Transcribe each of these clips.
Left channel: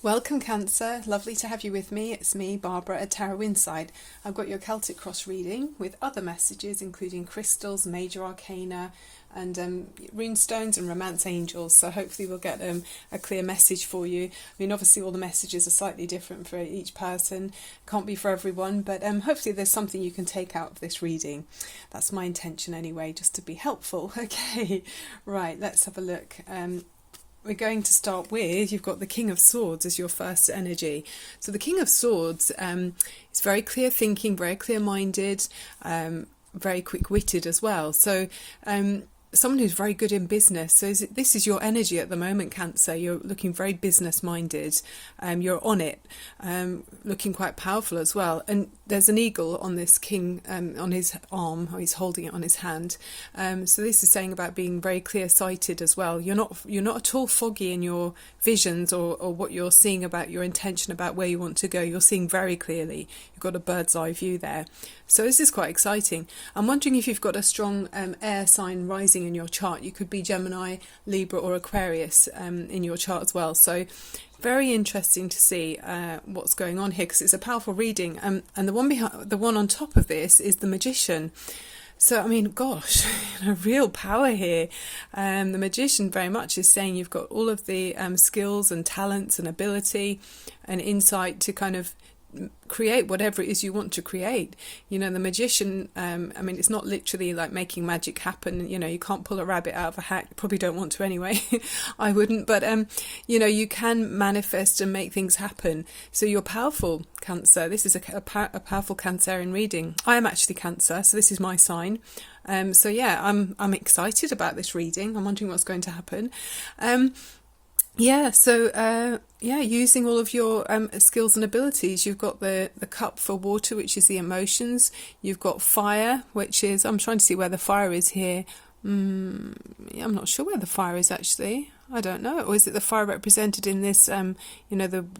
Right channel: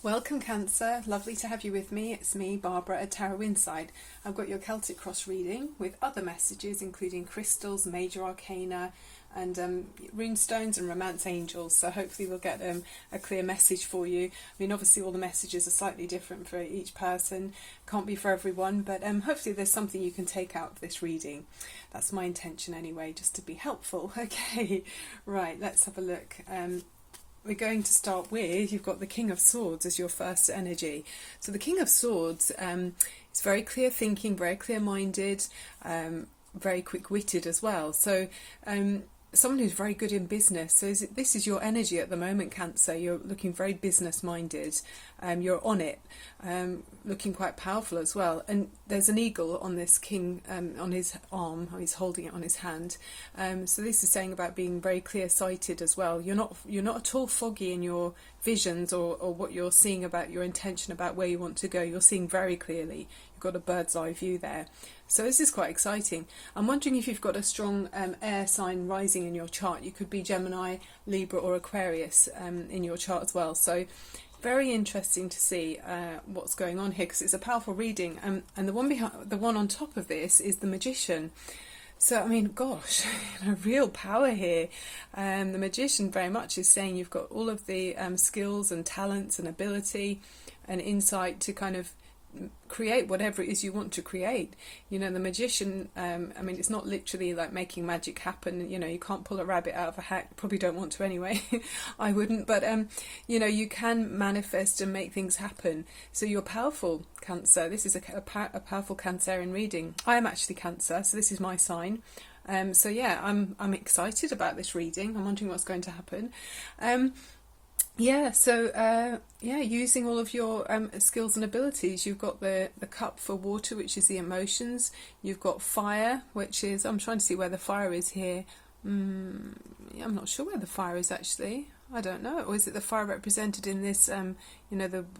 Welcome, Cancer. Lovely to have you with me. It's me, Barbara, at Tarot Inside. I've got your Celtic Cross reading with other messages, including crystals, major arcana, and rune stones and romance angels. So hopefully we'll get a clear message for you. I mean, obviously all the messages are slightly different for each person. Can't be for everyone, but hopefully there's something you can take out of this reading. That's my intention anyway, just to be helpful. Okay, right, let's have a look. We're going to start with, you've got the King of Swords as your first energy. So the King of Swords is very clear thinking, very clear-minded, very quick-witted as well. So someone who's very good in business. So this is your energy at the moment, Cancer. You're looking very business-minded. You're on it, looking quite powerful as well. And there's an eagle on this king on his arm, or he's holding it on his hand. So this is saying about being very clear-sighted as well. You're not at all foggy in your visions or what you're seeing about your intention about where you want to go. You're seeing very clearly. You've got a bird's eye view there. So this is quite exciting. I'm wondering if you've got a strong air sign rising in your chart. You could be Gemini, Libra or Aquarius in your chart as well. So very interesting to see what's going on here, because it's a powerful reading. And the one on top of this is the Magician. So, I mean, gosh, real power here. The Magician very much is saying you've got all of the skills and talents and ability and insight to kind of create whatever it is you want to create. You know, the Magician, I mean, it's not literally like making magic happen. You know, you can't pull a rabbit out of a hat. Probably don't want to anyway. I wouldn't. But, you know, you can manifest and make things happen. So you're powerful, Cancer. This is a powerful Cancerian reading. I am actually Cancer, so this is my sign. So yeah, I'm excited about this reading. I'm wondering what's going to happen. Using all of your skills and abilities. You've got the cup for water, which is the emotions. You've got fire, which is, I'm trying to see where the fire is here. I'm not sure where the fire is actually. I don't know. Or is it the fire represented in this, the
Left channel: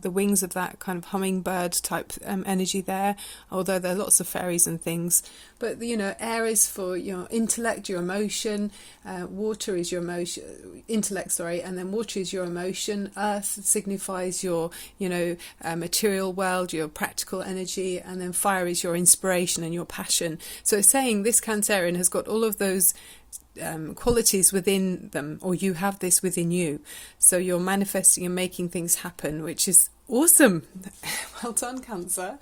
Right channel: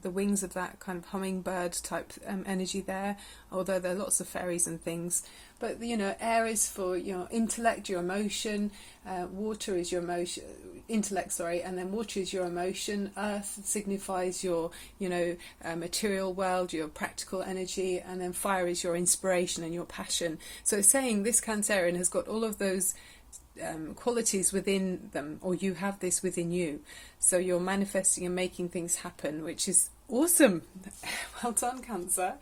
wings of that kind of hummingbird type energy there? Although there are lots of fairies and things. But, you know, air is for your intellect, your emotion. Water is your emotion, intellect, sorry. And then water is your emotion. Earth signifies your, material world, your practical energy. And then fire is your inspiration and your passion. So it's saying this Cancerian has got all of those qualities within them, or you have this within you. So you're manifesting and making things happen, which is awesome. Well done, Cancer.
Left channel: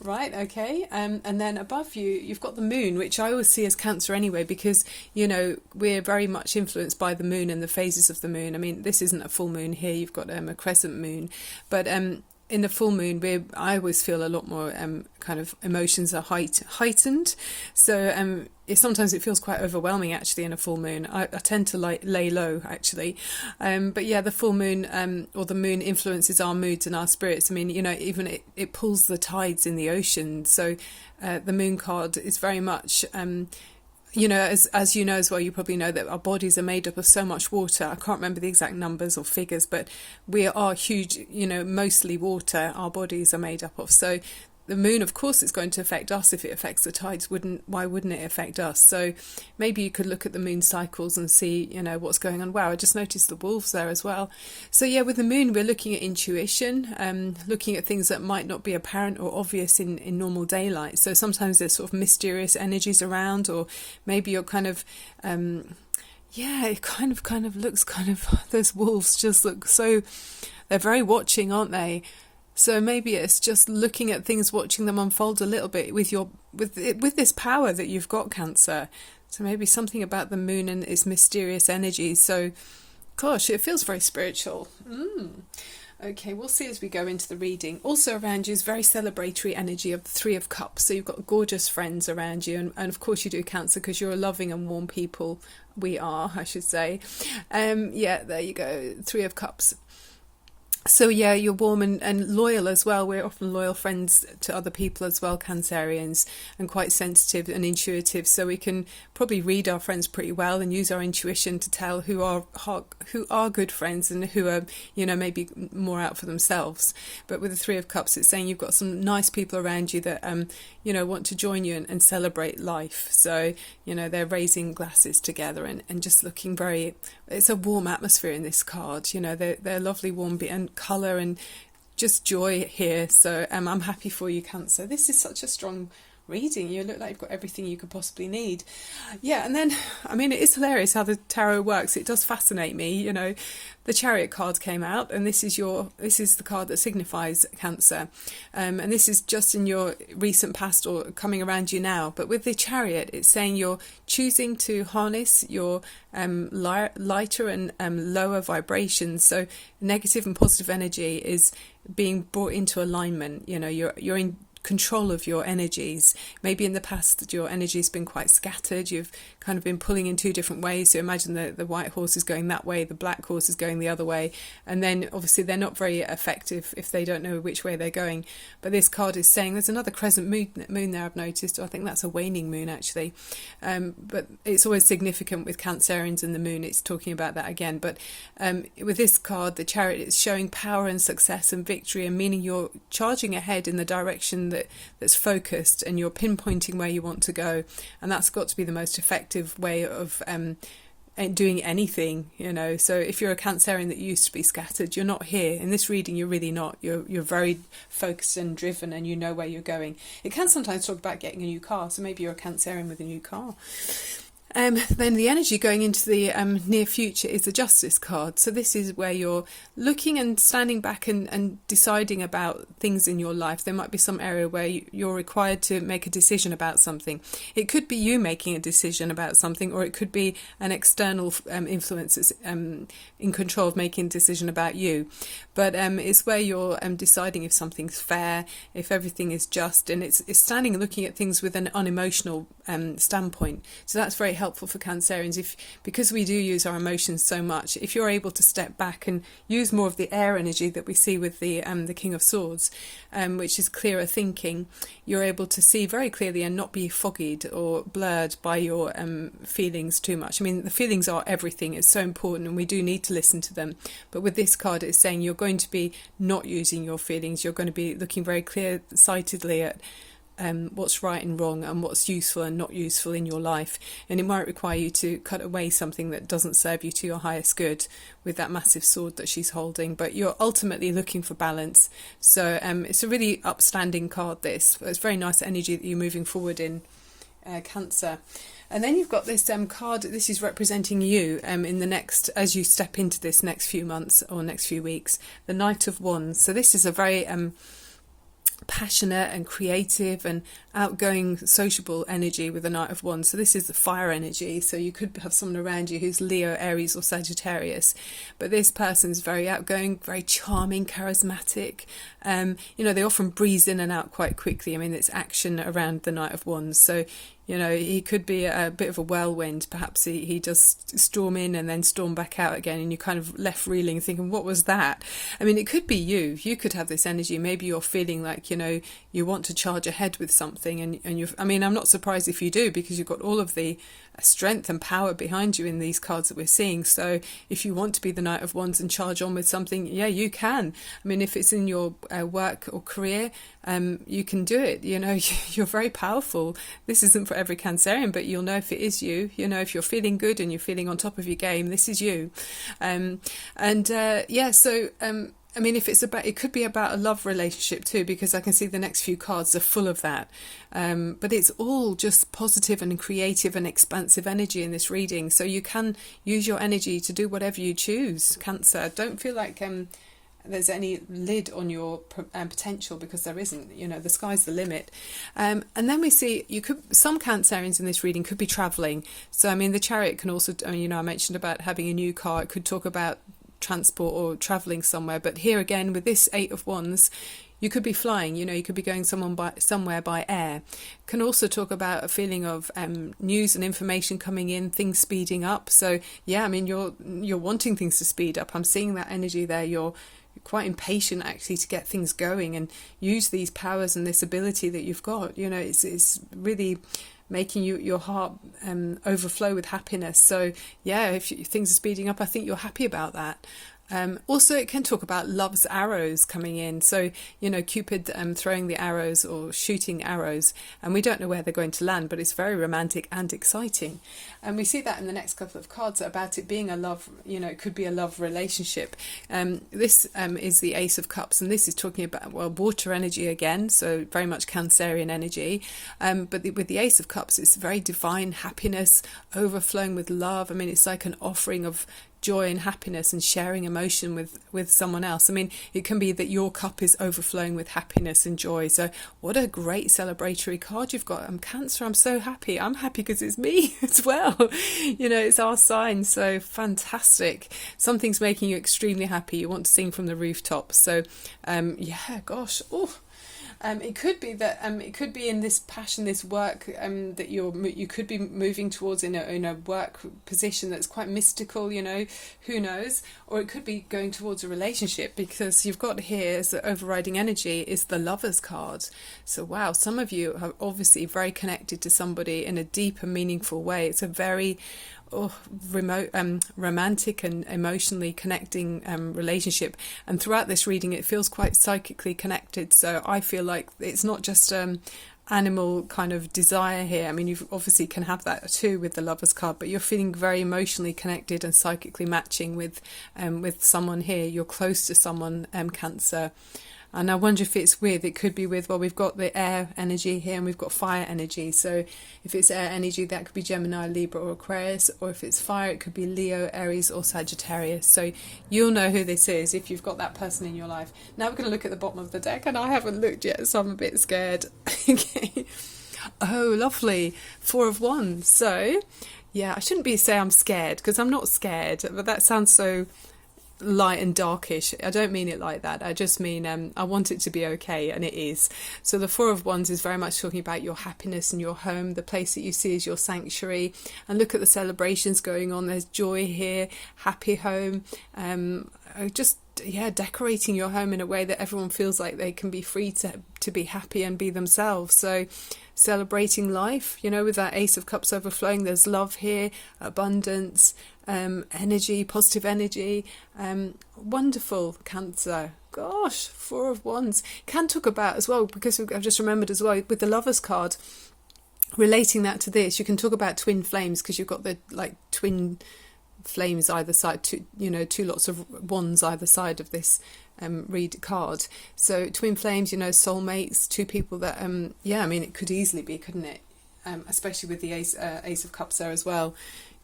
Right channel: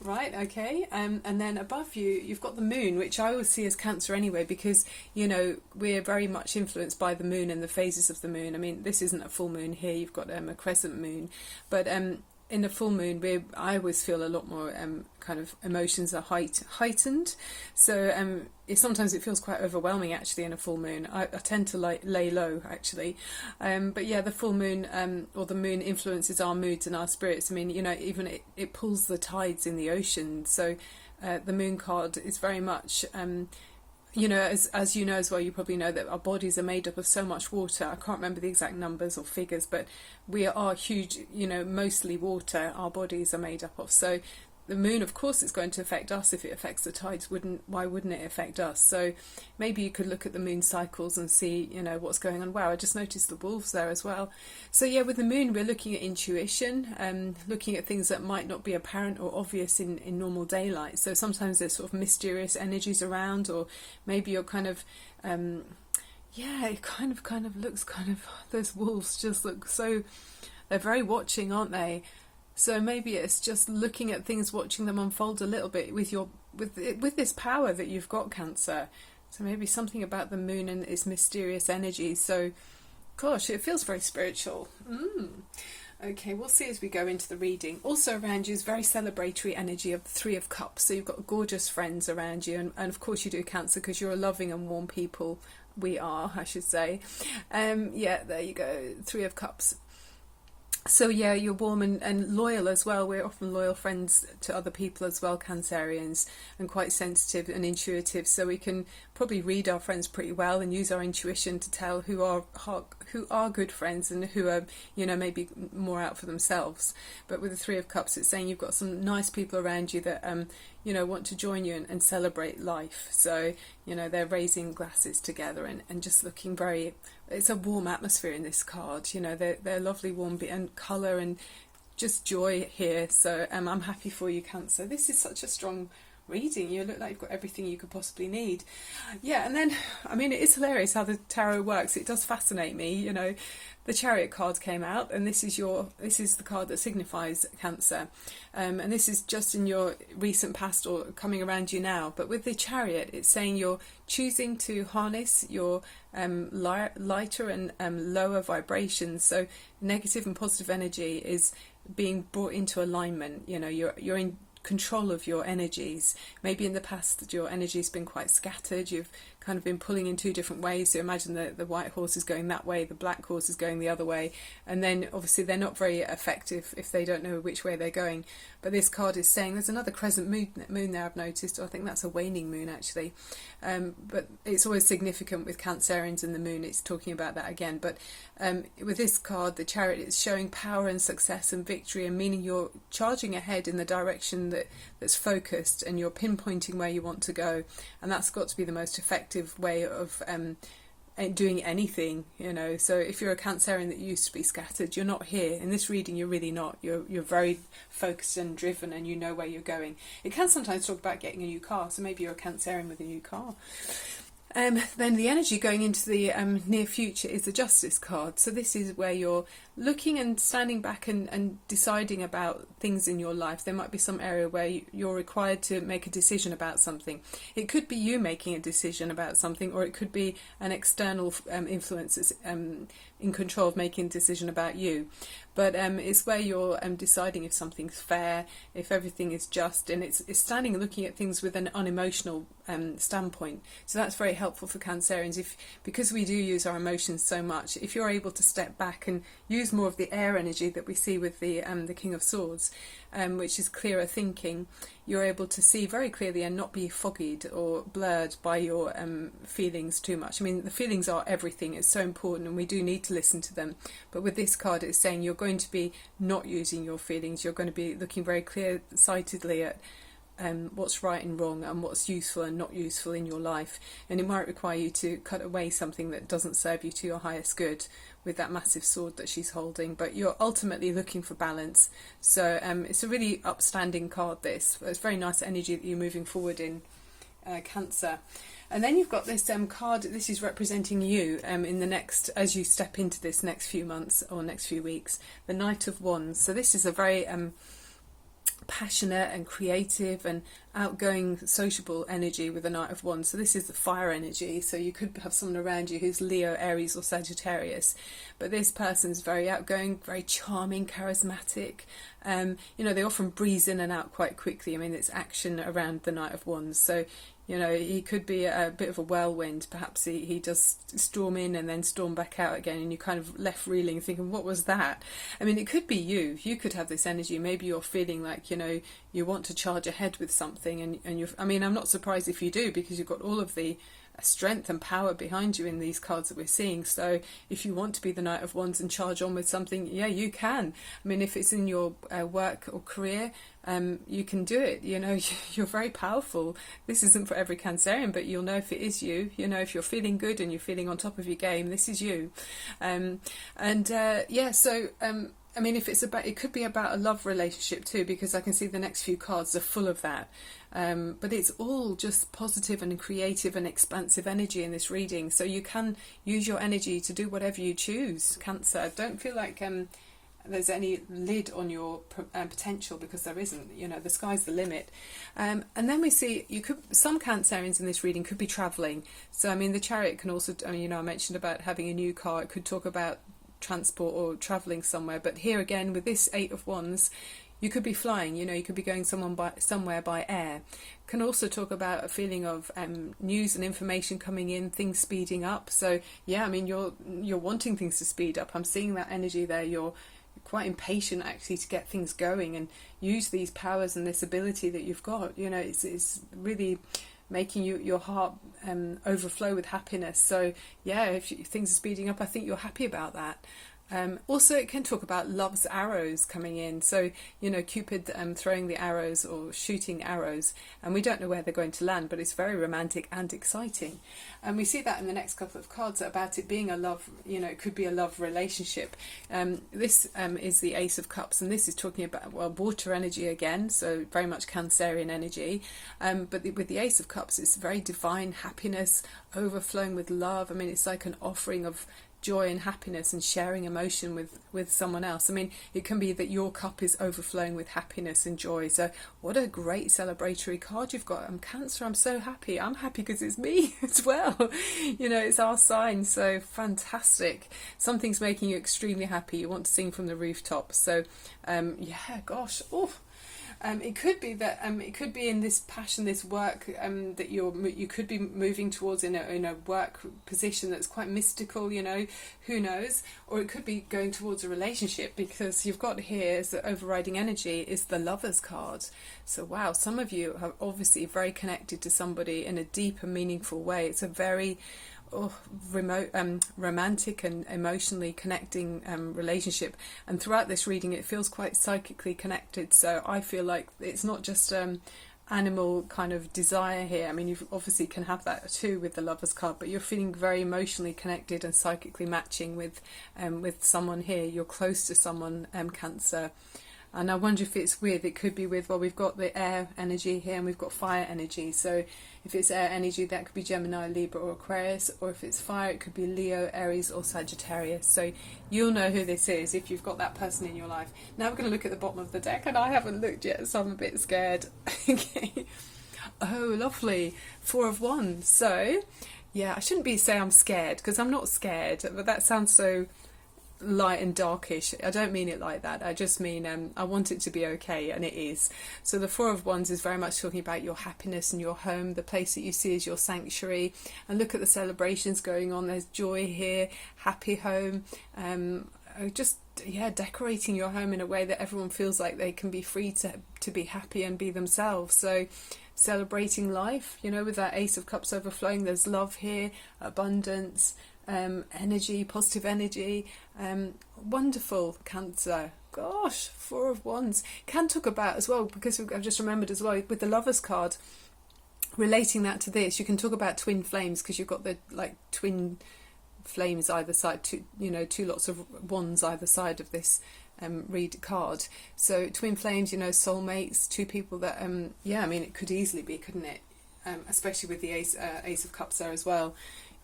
Right, okay. And then above you, you've got the moon, which I always see as Cancer anyway, because, you know, we're very much influenced by the moon and the phases of the moon. I mean, this isn't a full moon here. You've got a crescent moon. But in the full moon, I always feel a lot more kind of emotions are heightened. So sometimes it feels quite overwhelming actually in a full moon. I tend to lay low actually. But yeah, the full moon or the moon influences our moods and our spirits. I mean, you know, even it pulls the tides in the ocean. So the moon card is very much... you know, as you know as well, you probably know that our bodies are made up of so much water. I can't remember the exact numbers or figures, but we are huge, you know, mostly water our bodies are made up of. So the moon, of course, is going to affect us. If it affects the tides, why wouldn't it affect us? So maybe you could look at the moon cycles and see, you know, what's going on. Wow, I just noticed the wolves there as well. So yeah, with the moon, we're looking at intuition, looking at things that might not be apparent or obvious in normal daylight. So sometimes there's sort of mysterious energies around, or maybe you're kind of... it kind of looks those wolves just look so... They're very watching, aren't they? So maybe it's just looking at things, watching them unfold a little bit with this power that you've got, Cancer. So maybe something about the moon and its mysterious energy. So, gosh, it feels very spiritual. Okay, we'll see as we go into the reading. Also around you is very celebratory energy of the Three of Cups. So you've got gorgeous friends around you. And of course you do, Cancer, because you're a loving and warm people. We are, I should say. There you go. Three of Cups. So yeah, you're warm and loyal as well. We're often loyal friends to other people as well, Cancerians, and quite sensitive and intuitive. So we can probably read our friends pretty well and use our intuition to tell who are good friends and who are, you know, maybe more out for themselves. But with the Three of Cups, it's saying you've got some nice people around you that want to join you and celebrate life. So, you know, they're raising glasses together and just looking very... it's a warm atmosphere in this card. You know, they're lovely, warm and colour and just joy here. So I'm happy for you, Cancer. This is such a strong reading. You look like you've got everything you could possibly need. Yeah, and then, I mean, it is hilarious how the tarot works. It does fascinate me. You know, the Chariot card came out, and this is the card that signifies Cancer, and this is just in your recent past or coming around you now. But with the Chariot, it's saying you're choosing to harness your lighter and lower vibrations. So negative and positive energy is being brought into alignment. You know, you're in control of your energies. Maybe in the past your energy's been quite scattered, you've kind of been pulling in two different ways. So imagine the white horse is going that way, the black horse is going the other way, and then obviously they're not very effective if they don't know which way they're going. But this card is saying there's another crescent moon there, I've noticed. I think that's a waning moon actually, but it's always significant with Cancerians and the moon. It's talking about that again. But with this card, the Chariot, is showing power and success and victory, and meaning you're charging ahead in the direction that's focused, and you're pinpointing where you want to go, and that's got to be the most effective way of doing anything, you know. So if you're a Cancerian that used to be scattered, you're not here in this reading. You're really not. You're very focused and driven, and you know where you're going. It can sometimes talk about getting a new car, so maybe you're a Cancerian with a new car. Then the energy going into the near future is the Justice card. So this is where you're looking and standing back and deciding about things in your life. There might be some area where you're required to make a decision about something. It could be you making a decision about something, or it could be an external influence that's in control of making a decision about you. But it's where you're deciding if something's fair, if everything is just, and it's standing and looking at things with an unemotional standpoint. So that's very helpful for Cancerians, because we do use our emotions so much. If you're able to step back and use more of the air energy that we see with the King of Swords, which is clearer thinking, you're able to see very clearly and not be foggied or blurred by your feelings too much. I mean, the feelings are everything. It's so important, and we do need to listen to them. But with this card, it's saying you're going to be not using your feelings. You're going to be looking very clear-sightedly at what's right and wrong, and what's useful and not useful in your life. And it might require you to cut away something that doesn't serve you to your highest good, with that massive sword that she's holding. But you're ultimately looking for balance. So it's a really upstanding card, this. It's very nice energy that you're moving forward in, Cancer. And then you've got this card. This is representing you in the next, as you step into this next few months or next few weeks, the Knight of Wands. So this is a very passionate and creative and outgoing, sociable energy with the Knight of Wands. So this is the fire energy. So you could have someone around you who's Leo, Aries or Sagittarius, but this person's very outgoing, very charming, charismatic. You know, they often breeze in and out quite quickly. I mean, it's action around the Knight of Wands. So you know, he could be a bit of a whirlwind. Perhaps he does storm in and then storm back out again, and you're kind of left reeling thinking, what was that? I mean, it could be you. You could have this energy. Maybe you're feeling like, you know, you want to charge ahead with something, and you're, I mean, I'm not surprised if you do, because you've got all of the strength and power behind you in these cards that we're seeing. So if you want to be the Knight of Wands and charge on with something, yeah, you can. I mean, if it's in your work or career, you can do it. You know, you're very powerful. This isn't for every Cancerian, but you'll know if it is you. You know, if you're feeling good and you're feeling on top of your game, this is you. Yeah, so I mean, if it's about, it could be about a love relationship too, because I can see the next few cards are full of that. But it's all just positive and creative and expansive energy in this reading. So you can use your energy to do whatever you choose, Cancer. Don't feel like there's any lid on your potential, because there isn't. You know, the sky's the limit. And then we see some Cancerians in this reading could be travelling. So I mean, the Chariot can also, I mean, you know, I mentioned about having a new car. It could talk about transport or travelling somewhere. But here again, with this Eight of Wands, you could be flying. You know, you could be going somewhere by air. Can also talk about a feeling of news and information coming in, things speeding up. So yeah, I mean, you're wanting things to speed up. I'm seeing that energy there. You're quite impatient actually to get things going and use these powers and this ability that you've got. You know, it's really making your heart overflow with happiness. So yeah, if things are speeding up, I think you're happy about that. Also, it can talk about love's arrows coming in. So, Cupid throwing the arrows or shooting arrows, and we don't know where they're going to land, but it's very romantic and exciting. And we see that in the next couple of cards about it being a love, it could be a love relationship. This is the Ace of Cups, and this is talking about, well, water energy again, so very much Cancerian energy. But with the Ace of Cups, it's very divine happiness, overflowing with love. I mean, it's like an offering of joy and happiness and sharing emotion with someone else. I mean, it can be that your cup is overflowing with happiness and joy. So what a great celebratory card you've got. Cancer, I'm so happy. I'm happy because it's me as well. It's our sign. So fantastic. Something's making you extremely happy. You want to sing from the rooftops. So gosh. Oh. It could be that it could be in this passion, this work that you could be moving towards in a work position that's quite mystical. Who knows? Or it could be going towards a relationship, because you've got here as the overriding energy is the Lovers card. So wow, some of you are obviously very connected to somebody in a deep and meaningful way. It's a very remote, romantic and emotionally connecting relationship, and throughout this reading it feels quite psychically connected. So I feel like it's not just animal kind of desire here. I mean, you obviously can have that too with the Lovers card, but you're feeling very emotionally connected and psychically matching with someone here. You're close to someone, Cancer. And I wonder if it's with, it could be with, well, we've got the air energy here and we've got fire energy. So if it's air energy, that could be Gemini, Libra or Aquarius. Or if it's fire, it could be Leo, Aries or Sagittarius. So you'll know who this is if you've got that person in your life. Now we're going to look at the bottom of the deck, and I haven't looked yet, so I'm a bit scared. Okay. Oh, lovely. Four of Wands. So, yeah, I shouldn't say I'm scared, because I'm not scared, but that sounds so light and darkish. I don't mean it like that. I just mean I want it to be okay, and it is. So the Four of Wands is very much talking about your happiness and your home, the place that you see as your sanctuary. And look at the celebrations going on. There's joy here, happy home, decorating your home in a way that everyone feels like they can be free to be happy and be themselves. So celebrating life, with that Ace of Cups overflowing. There's love here, abundance, energy, positive energy. Wonderful, Cancer. Gosh, Four of Wands can talk about as well, because I've just remembered as well with the Lovers card, relating that to this, you can talk about twin flames, because you've got the twin flames either side, two lots of wands either side of this read card. So twin flames, soulmates, two people that it could easily be, couldn't it? Especially with the Ace of Cups there as well.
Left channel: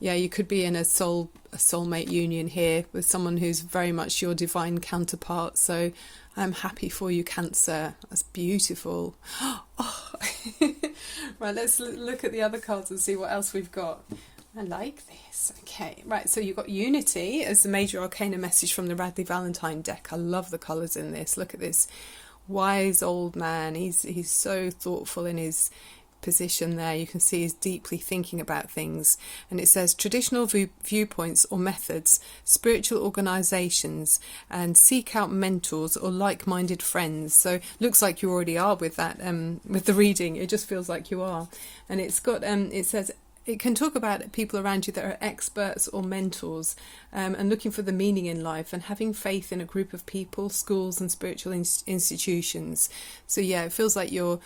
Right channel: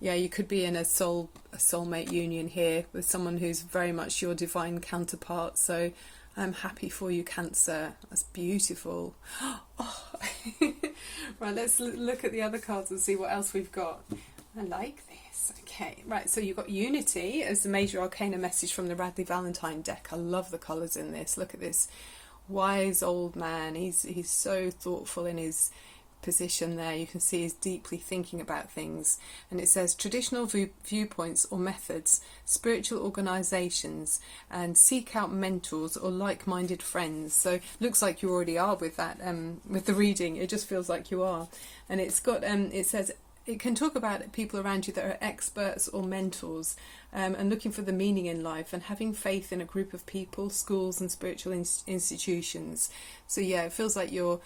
Yeah, you could be in a soulmate union here with someone who's very much your divine counterpart. So I'm happy for you, Cancer. That's beautiful. Oh. Right, let's look at the other cards and see what else we've got. I like this. Okay, right, so you've got Unity as the major arcana message from the Radley Valentine deck. I love the colours in this. Look at this wise old man. He's so thoughtful in his position there. You can see he's deeply thinking about things. And it says traditional viewpoints or methods, spiritual organisations, and seek out mentors or like-minded friends. So looks like you already are with that, with the reading. It just feels like you are. And it's got it says it can talk about people around you that are experts or mentors, and looking for the meaning in life and having faith in a group of people, schools and spiritual institutions. So yeah, it feels like you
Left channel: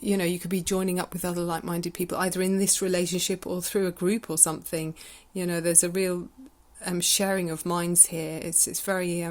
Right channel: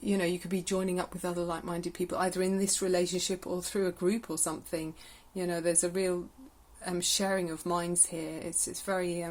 could be joining up with other like-minded people, either in this relationship or through a group or something. There's a real sharing of minds here. It's very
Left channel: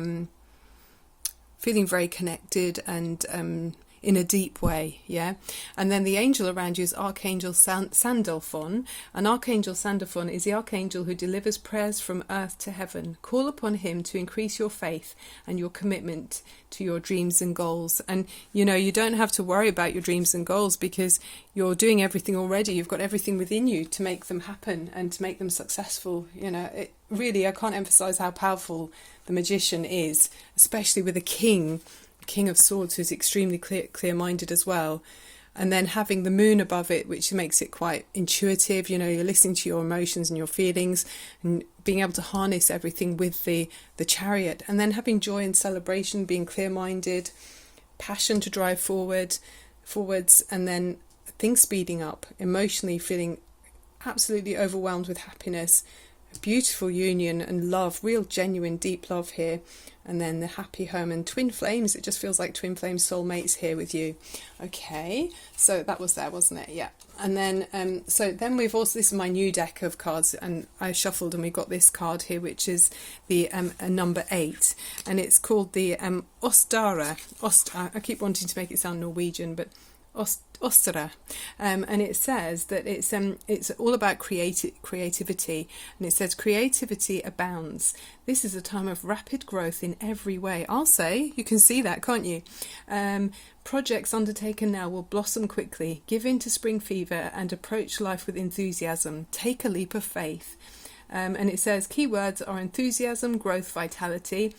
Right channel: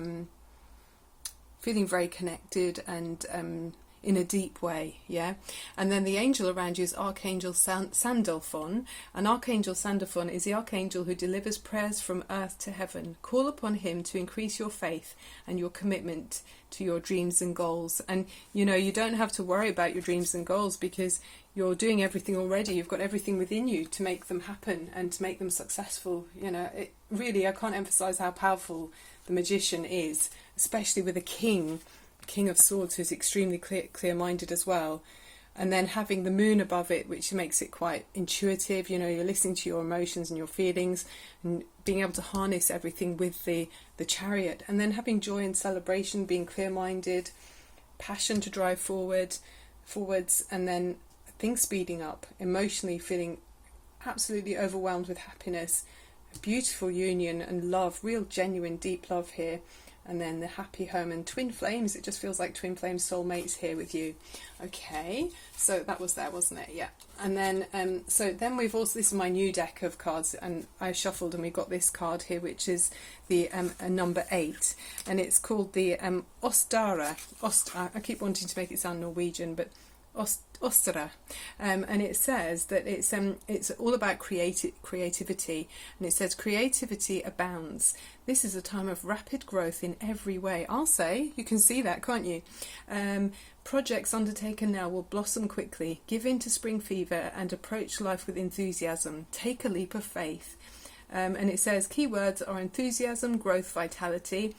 feeling very connected and in a deep way, yeah. And then the angel around you is Archangel Sandalphon. And Archangel Sandalphon is the archangel who delivers prayers from earth to heaven. Call upon him to increase your faith and your commitment to your dreams and goals. And you don't have to worry about your dreams and goals, because you're doing everything already. You've got everything within you to make them happen and to make them successful. It really, I can't emphasize how powerful the magician is, especially with a king of Swords, who's extremely clear-minded as well. And then having the moon above it, which makes it quite intuitive. You're listening to your emotions and your feelings and being able to harness everything with the Chariot. And then having joy and celebration, being clear-minded, passion to drive forwards, and then things speeding up, emotionally feeling absolutely overwhelmed with happiness, beautiful union and love, real genuine deep love here. And then the happy home and twin flames. It just feels like twin flame soulmates here with you. Okay, so that was there, wasn't it? Yeah. And then so then we've also, this is my new deck of cards, and I shuffled and we got this card here, which is the number 8, and it's called the Ostara. I keep wanting to make it sound Norwegian, but Ostra, and it says that it's all about creativity, and it says creativity abounds. This is a time of rapid growth in every way. I'll say, you can see that, can't you? Projects undertaken now will blossom quickly. Give in to spring fever and approach life with enthusiasm. Take a leap of faith. And it says keywords are enthusiasm, growth, vitality.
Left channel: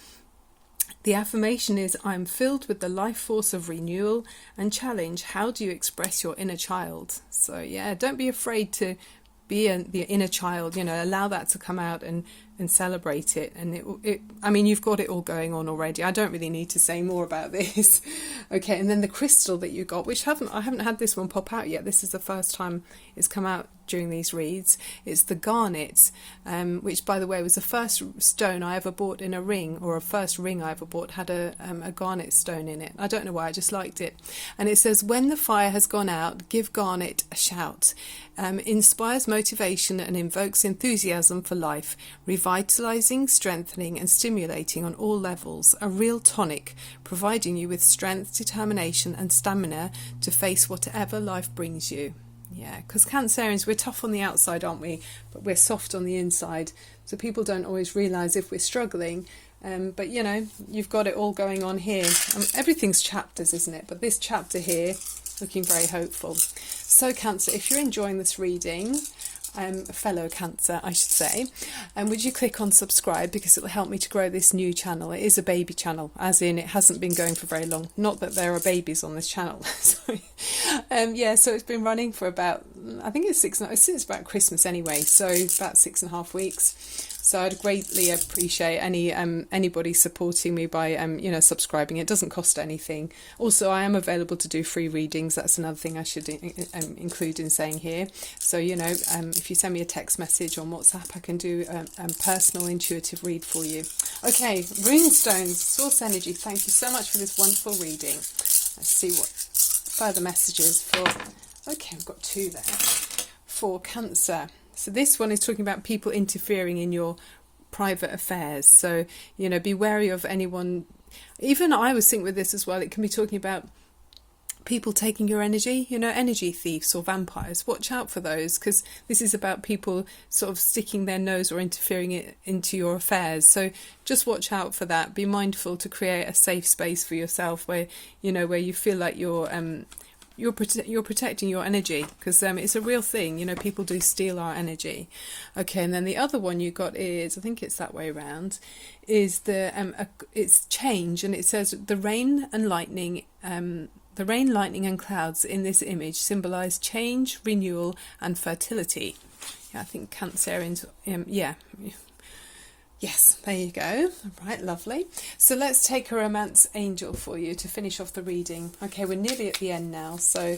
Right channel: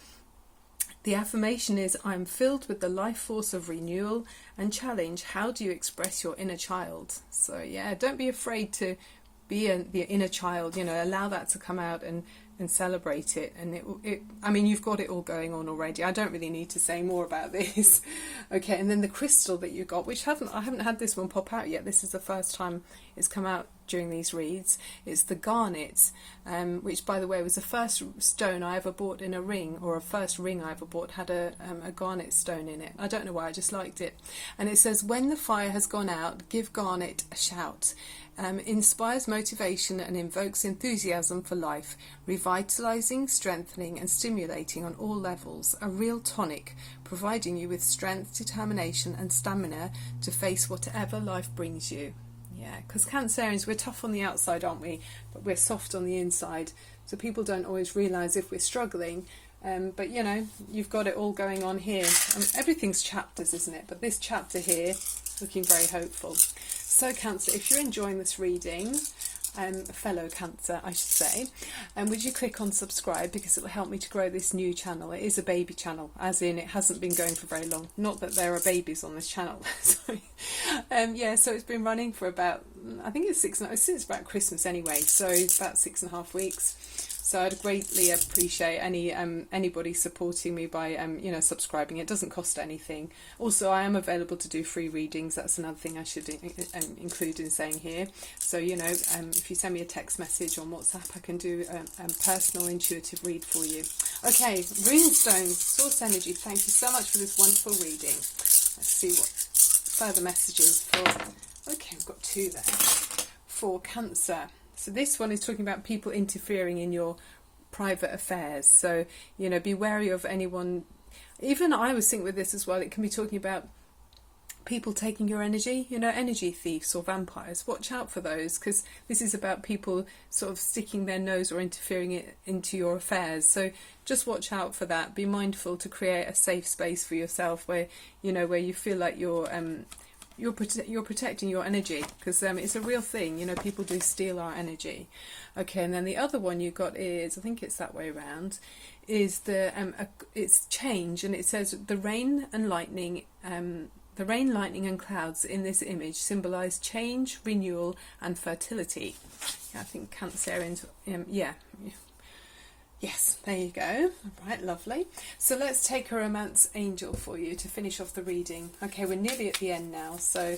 The affirmation is, I'm filled with the life force of renewal, and challenge, how do you express your inner child? So yeah, don't be afraid to be the inner child, allow that to come out and celebrate it. And I mean, you've got it all going on already. I don't really need to say more about this. Okay, and then the crystal that you got, which I haven't had this one pop out yet. This is the first time it's come out during these reads. It's the garnet, which, by the way, was the first stone I ever bought in a ring, or a first ring I ever bought had a garnet stone in it. I don't know why, I just liked it. And it says, when the fire has gone out, give garnet a shout. Inspires motivation and invokes enthusiasm for life, revitalizing, strengthening and stimulating on all levels. A real tonic, providing you with strength, determination and stamina to face whatever life brings you. Yeah, because Cancerians, we're tough on the outside, aren't we? But we're soft on the inside. So people don't always realise if we're struggling. But, you've got it all going on here. Everything's chapters, isn't it? But this chapter here, looking very hopeful. So Cancer, if you're enjoying this reading, fellow Cancer, I should say, would you click on subscribe, because it'll help me to grow this new channel. It is a baby channel, as in it hasn't been going for very long. Not that there are babies on this channel. So it's been running for about, I think it's since about Christmas anyway, so about 6.5 weeks. So I'd greatly appreciate anybody supporting me by subscribing. It doesn't cost anything. Also, I am available to do free readings. That's another thing I should include in saying here. So if you send me a text message on WhatsApp, I can do a personal intuitive read for you. Okay, runestones, source energy. Thank you so much for this wonderful reading. Let's see what further messages for. Okay, I've got 2 there for Cancer. So this one is talking about people interfering in your private affairs. So, be wary of anyone. Even I was thinking with this as well, it can be talking about people taking your energy, energy thieves or vampires. Watch out for those, because this is about people sort of sticking their nose or interfering into your affairs. So just watch out for that. Be mindful to create a safe space for yourself where you feel like you're protecting your energy, because it's a real thing. People do steal our energy. Okay, and then the other one you got is, I think it's that way around, is it's change, and it says the rain, lightning and clouds in this image symbolize change, renewal and fertility. Yeah, I think Cancerians, Yes, there you go. All right, lovely. So let's take a romance angel for you to finish off the reading. Okay, we're nearly at the end now, so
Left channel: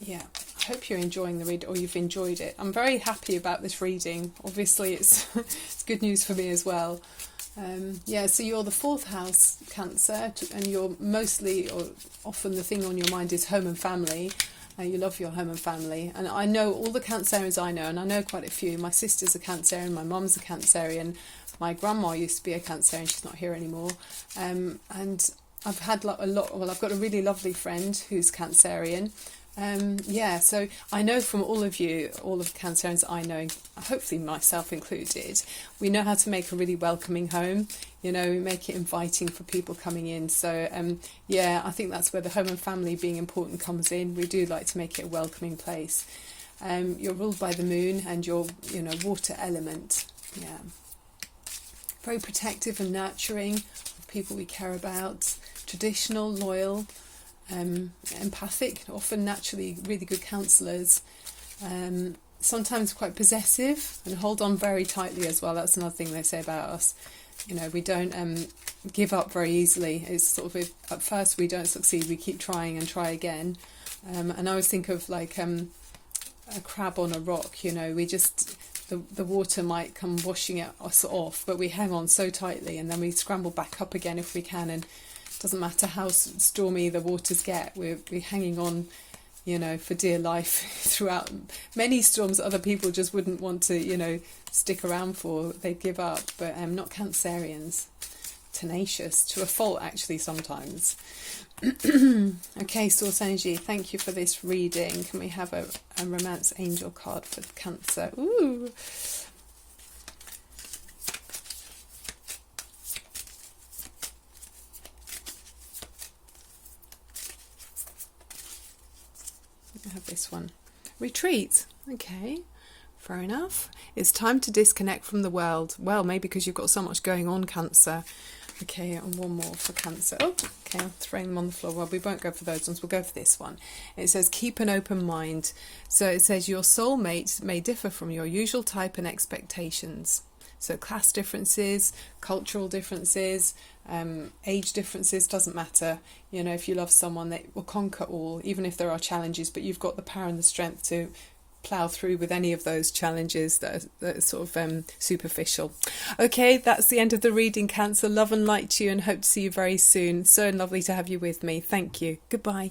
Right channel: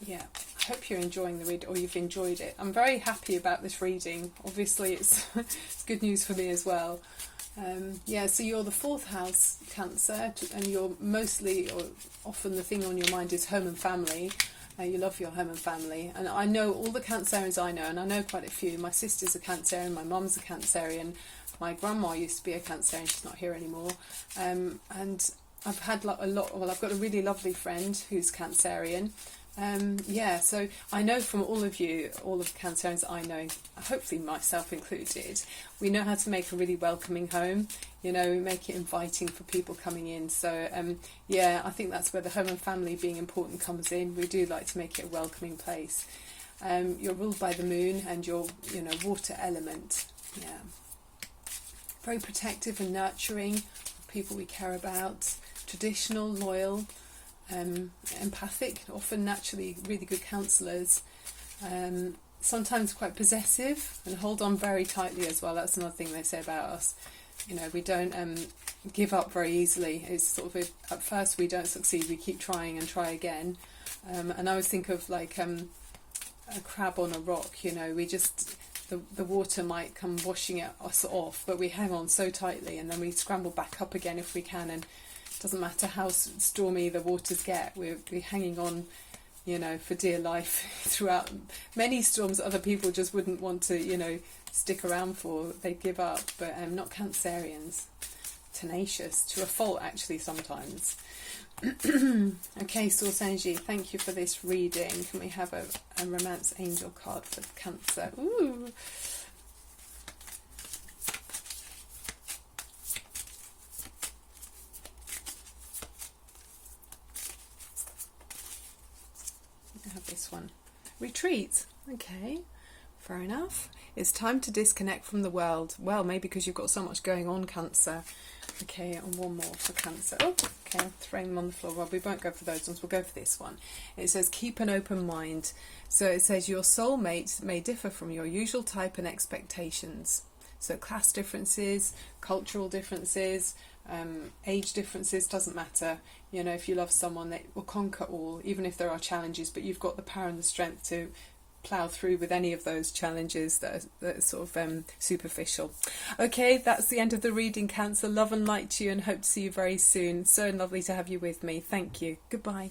yeah, I hope you're enjoying the read, or you've enjoyed it. I'm very happy about this reading. Obviously, it's it's good news for me as well. So you're the 4th house Cancer, and you're mostly, or often, the thing on your mind is home and family. You love your home and family, and I know all the Cancerians I know, and I know quite a few. My sister's a Cancerian, my mum's a Cancerian. My grandma used to be a Cancerian, she's not here anymore. And I've had I've got a really lovely friend who's Cancerian. So I know from all of you, all of the Cancerians I know, hopefully myself included, we know how to make a really welcoming home. We make it inviting for people coming in. So I think that's where the home and family being important comes in. We do like to make it a welcoming place. You're ruled by the moon and your water element. Yeah. Very protective and nurturing of people we care about. Traditional, loyal, empathic, often naturally really good counsellors. Sometimes quite possessive and hold on very tightly as well. That's another thing they say about us. We don't give up very easily. It's sort of, at first we don't succeed, we keep trying and try again. And I always think of like a crab on a rock. We just the water might come washing us off, but we hang on so tightly, and then we scramble back up again if we can. And it doesn't matter how stormy the waters get, we're hanging on, you know, for dear life throughout many storms that other people just wouldn't want to, you know, stick around for. They'd give up, but not Cancerians. Tenacious to a fault, actually, sometimes. Okay, Source Energy, thank you for this reading. Can we have a Romance Angel card for Cancer? Ooh. I have this one. Retreat. Okay, fair enough. It's time to disconnect from the world. Well, maybe because you've got so much going on, Cancer. Okay, and one more for Cancer. Oh, okay, I'm throwing them on the floor. Well, we won't go for those ones. We'll go for this one. It says, keep an open mind. So it says, your soulmate may differ from your usual type and expectations. So class differences, cultural differences, age differences, doesn't matter. You know, if you love someone, they will conquer all, even if there are challenges, but you've got the power and the strength to plough through with any of those challenges that are sort of superficial. Okay, that's the end of the reading, Cancer. Love and light to you, and hope to see you very soon. So lovely to have you with me. Thank you. Goodbye.